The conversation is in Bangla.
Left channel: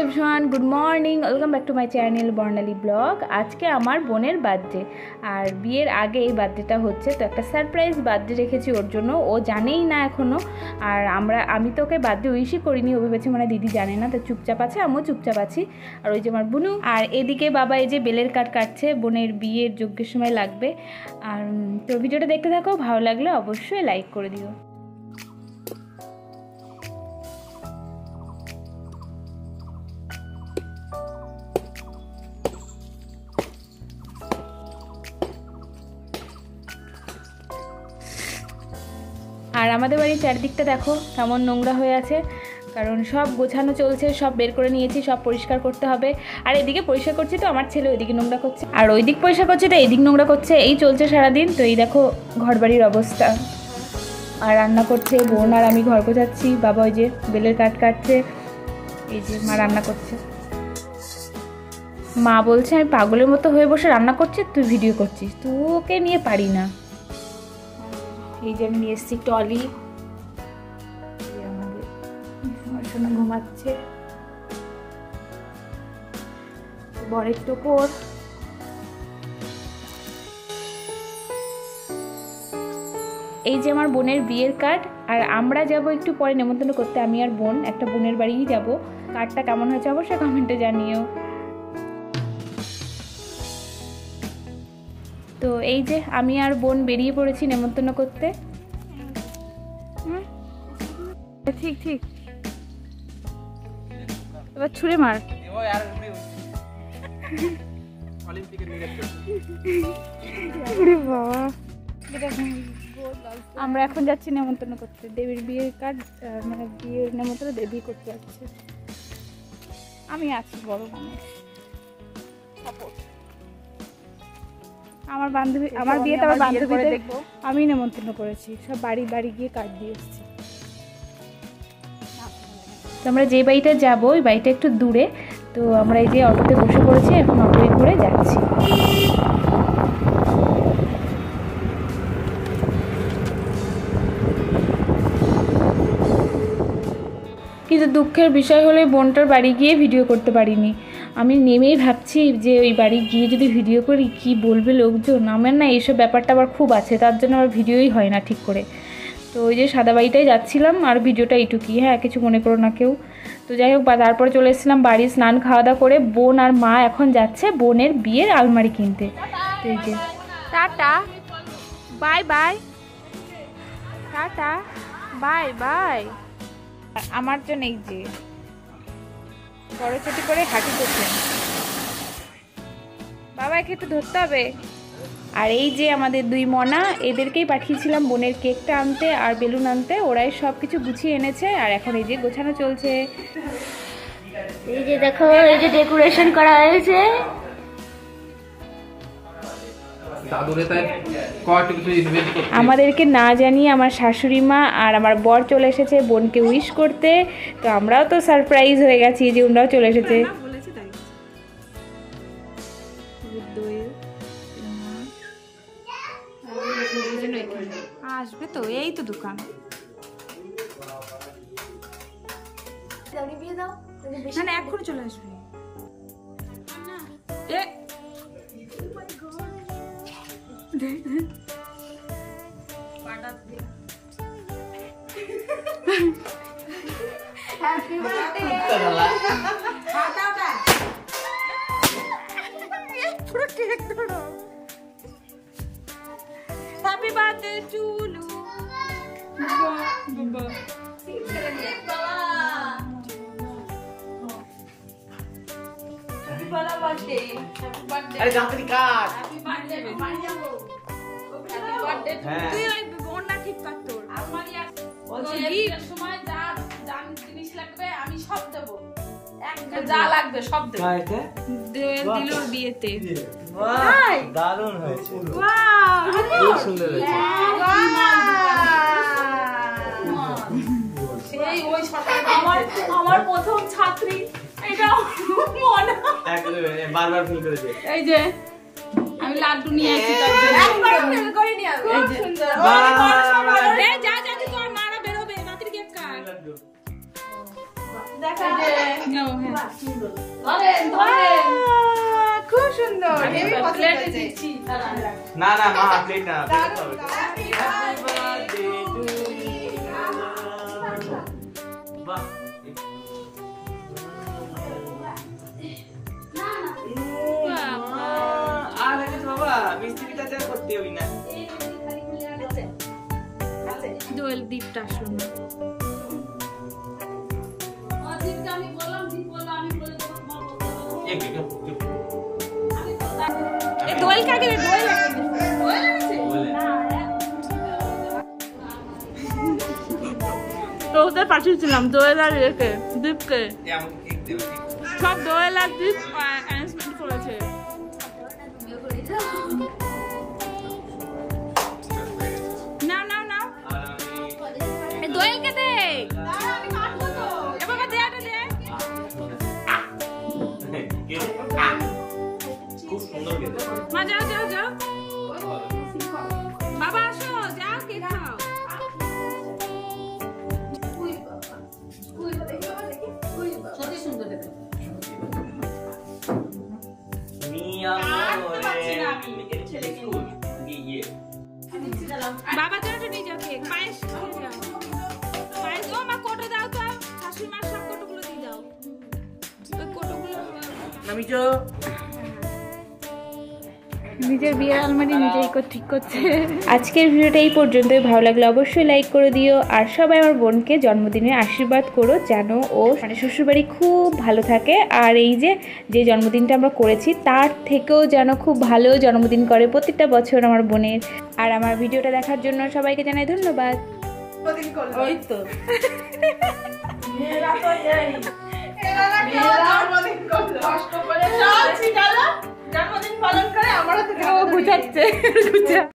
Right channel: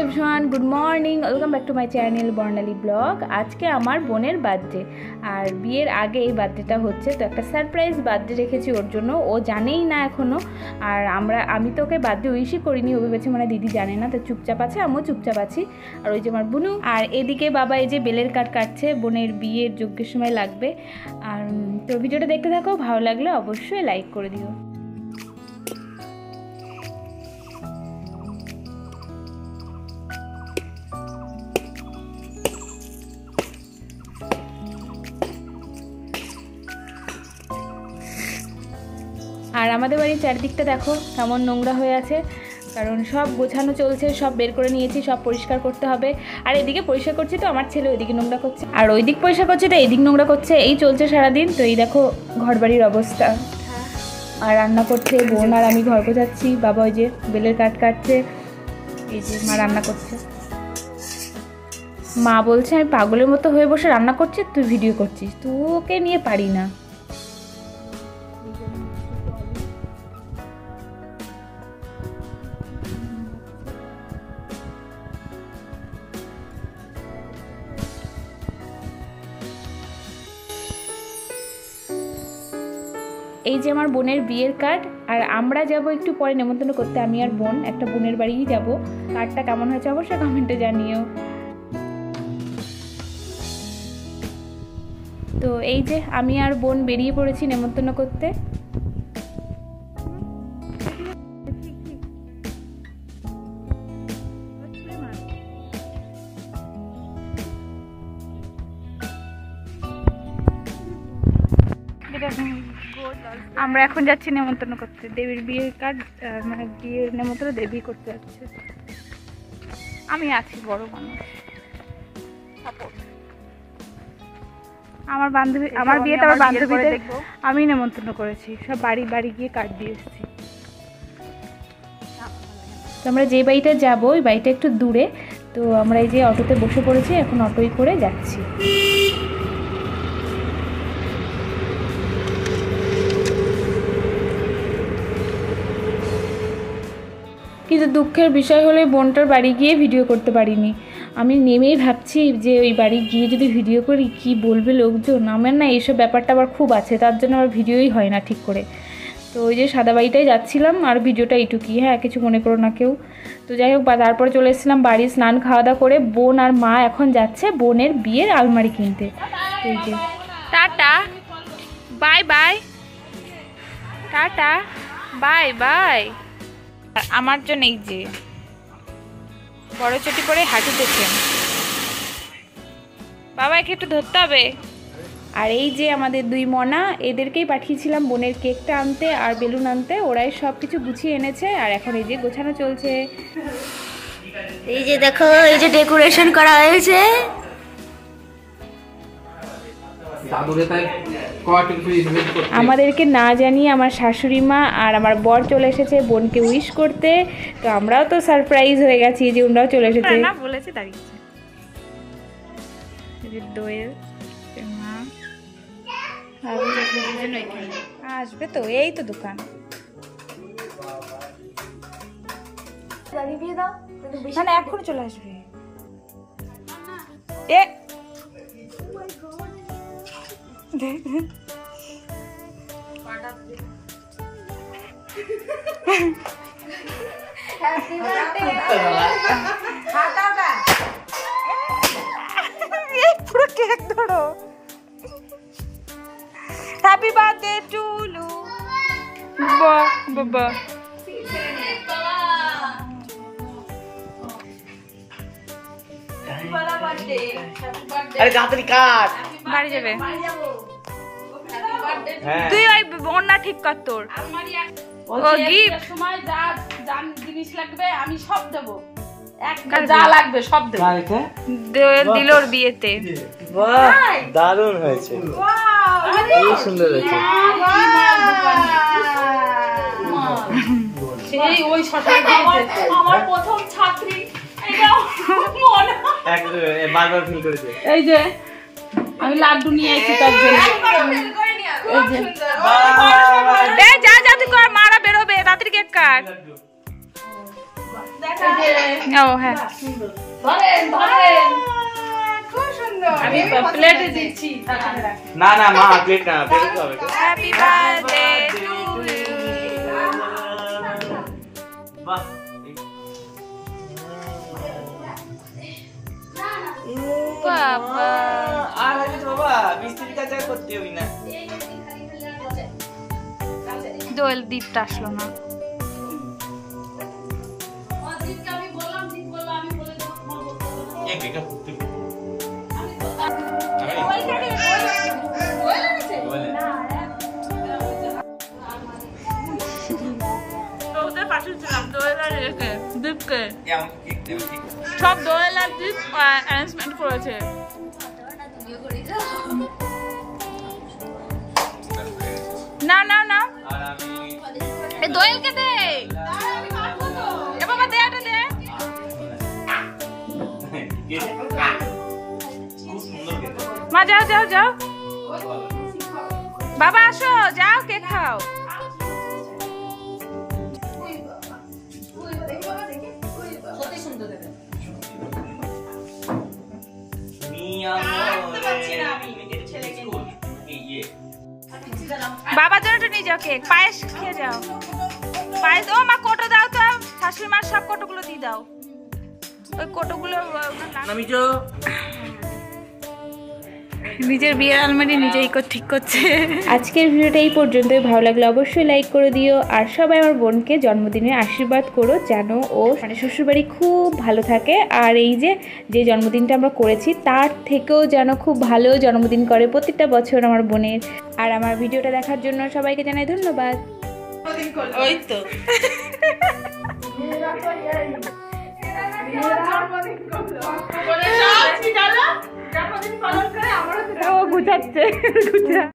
Everyone good morning welcome back to my channel Barnali blog. आज के आमार बोनेर बार्थडे और बियर आगे এই বার্থডেটা হচ্ছে তো একটা সারপ্রাইজ বার্থডে রেখেছি ওর জন্য। ও জানেই না এখনো আর আমি তো ওকে বার্থডে উইশই করিনি। ও ভেবেছে মানে দিদি জানে না, তো চুপচাপ আছে, আমিও চুপচাপ আছি। আর ওই যে আমার বুনু আর এদিকে বাবা এই যে বেলের কাঠ কাটছে, বোনের বিয়ের যজ্ঞের সময় লাগবে। আর তো ভিডিওটা দেখতে থাকো, ভালো লাগলে অবশ্যই লাইক করে দিও। আর আমাদের বাড়ির চারদিকটা দেখো কেমন নোংরা হয়ে আছে, কারণ সব গোছানো চলছে, সব বের করে নিয়েছি, সব পরিষ্কার করতে হবে। আর এদিকে পরিষ্কার করছি তো আমার ছেলে ওইদিকে নোংরা করছে, আর ওই দিক পরিষ্কার করছে তো এইদিক নোংরা করছে, এই চলছে সারাদিন। তো এই দেখো ঘরবাড়ির অবস্থা। আর রান্না করছে বোন আর আমি ঘর গোছাচ্ছি, বাবা ওই যে বেলের কাঠ কাটছে, এই যে মা রান্না করছে। মা বলছে আমি পাগলের মতো হয়ে বসে রান্না করছি, তুই ভিডিও করছিস, তোকে নিয়ে পারি না। এই যে আমি নিয়ে এসেছি টলি, ঘুমাচ্ছে বরের টোপর। এই যে আমার বোনের বিয়ের কার্ড, আর আমরা যাব একটু পরে নেমন্তন্ন করতে, আমি আর বোন একটা বোনের বাড়িই যাব। কার্ডটা কেমন হয়েছে অবশ্যই কমেন্টে জানিও। তো এই যে আমি আর বোন বেরিয়ে পড়েছি নেমন্তন্ন করতে। ঠিক ঠিক এবার ছুঁড়ে মার। আমরা এখন যাচ্ছি নেমন্তন্ন করতে, দেবীর বিয়ের কার্ড মানে বিয়ের নেমন্তন্ন দেবী করতে যাচ্ছে। আমি আছি বড় মানুষ, আমার বান্ধবী, আমার বিয়েতে আমার বান্ধবীদের আমি নেমন্তন্ন করেছি, সব বাড়ি বাড়ি গিয়ে কার্ড দিয়ে এসেছি। তো আমরা যে বাড়িটা যাবো ওই বাড়িটা একটু দূরে, তো আমরা এই যে অটোতে বসে পড়েছি, এখন অটোয় করে যাচ্ছি। কিন্তু দুঃখের বিষয় হলো বোনটার বাড়ি গিয়ে ভিডিও করতে পারিনি। আমি নেমেই ভাবছি যে ওই বাড়ি গিয়ে যদি ভিডিও করি কি বলবে লোকজন। আমার না এইসব ব্যাপারটা আবার খুব আছে, তার জন্য আমার ভিডিওই হয় না ঠিক করে। তো ওই যে সাদা বাড়িটাই যাচ্ছিলাম, আর ভিডিওটা এইটুকুই, হ্যাঁ কিছু মনে করো না কেউ। তো যাই হোক তারপরে চলে এসেছিলাম বাড়ি, স্নান খাওয়া দাওয়া করে বোন আর মা এখন যাচ্ছে বোনের বিয়ের আলমারি কিনতে। তো এই যে tata bye bye, tata bye bye. আমার জন্য এই যে বড় চটি পরে হাঁটিতেছেন, বাবাকে একটু ধরতে হবে। আর এই যে আমাদের দুই মনা, এদেরকেই পাঠিয়েছিলাম বোনের কেকটা আনতে আর বেলুন আনতে, ওরাই সব কিছু গুছিয়ে এনেছে। আর এখন এই যে গোছানো চলছে। এই যে দেখো এই যে ডেকোরেশন করা হয়েছে। আমাদেরকে না জানিয়ে আমার শাশুড়ি মা আর আমার বর চলে এসেছে বোনকে উইশ করতে, তো আমরাও তো সারপ্রাইজ হয়ে গেছি যে ওনারাও চলে এসেছে। বলেছে আসবে তো, এই তো দোকান। না না এখন চলে আসবে। এ পুরো কেক ধরো। হ্যাপি বার্থডে টু লু। বাবা বাড়ি যাবে তুই ওই বন্যা ঠিক কর তোর। ও গিফট জিনিস লাগবে আমি সব দেবো, যা লাগবে সব দেবো। দিল ওর বিয়েতে। দারুণ হয়েছে, খুব সুন্দর হয়েছে। আমার প্রথম ছাত্রী এই যে আমি লাড্ডু নিয়ে এসেছি তার জন্য। যা যা তুই কর, মারা বেরোবে, তাড়াতাড়ি কেক কাট। ও হ্যাঁ, খুব সুন্দর। না না মা প্লেট না, প্লেট হবে। Happy birthday to you. বাহ, বাবা আর লাগে তো বাবা, মিস্ত্রি কাজ আর করতে হই না। দোয়েল দীপটা আসলো না। এই বেটা করতে দোয়েল কাকে রে? দোয়েল এনেছে? বলে তো ওদের পাঠিয়েছিলাম দোয়েল আর দীপকে, এ আমাকে কেক দেবে ঠিক। সব দোয়েল আর দীপ অ্যারেঞ্জমেন্ট করেছে। না না না, আর আমি এই দোয়েলকে দে। এ বাবা দে, এটা দে। খুব সুন্দর খেতে। মা যাও যাও যাও, বাবা আসো, যাও কেক খাও। বাবার জন্য একটু নিয়ে যাও কেক, পায়েস খেয়ে যাও। পায়েস, ও মা কোটো দাও তো, শাশুড়ি মার সব কোটোগুলো দিয়ে দাও। ওই কোটোগুলো নিজের বিয়ের আলমারি নিজেই ঠিক করছে। আজকের ভিডিওটা এই পর্যন্তই। ভালো লাগলে অবশ্যই লাইক করে দিও, আর সবাই আমার বোনকে জন্মদিনের আশীর্বাদ করো, যেন ও মানে শ্বশুরবাড়ি খুব ভালো থাকে। আর এই যে জন্মদিনটা আমরা করেছি তার থেকেও যেন খুব ভালো জন্মদিন করে প্রত্যেকটা বছর আমার বোনের। আর আমার ভিডিওটা দেখার জন্য সবাইকে জানাই ধন্যবাদ। ওই তো জন্মদিন পালন করে আমারও গুছাচ্ছে।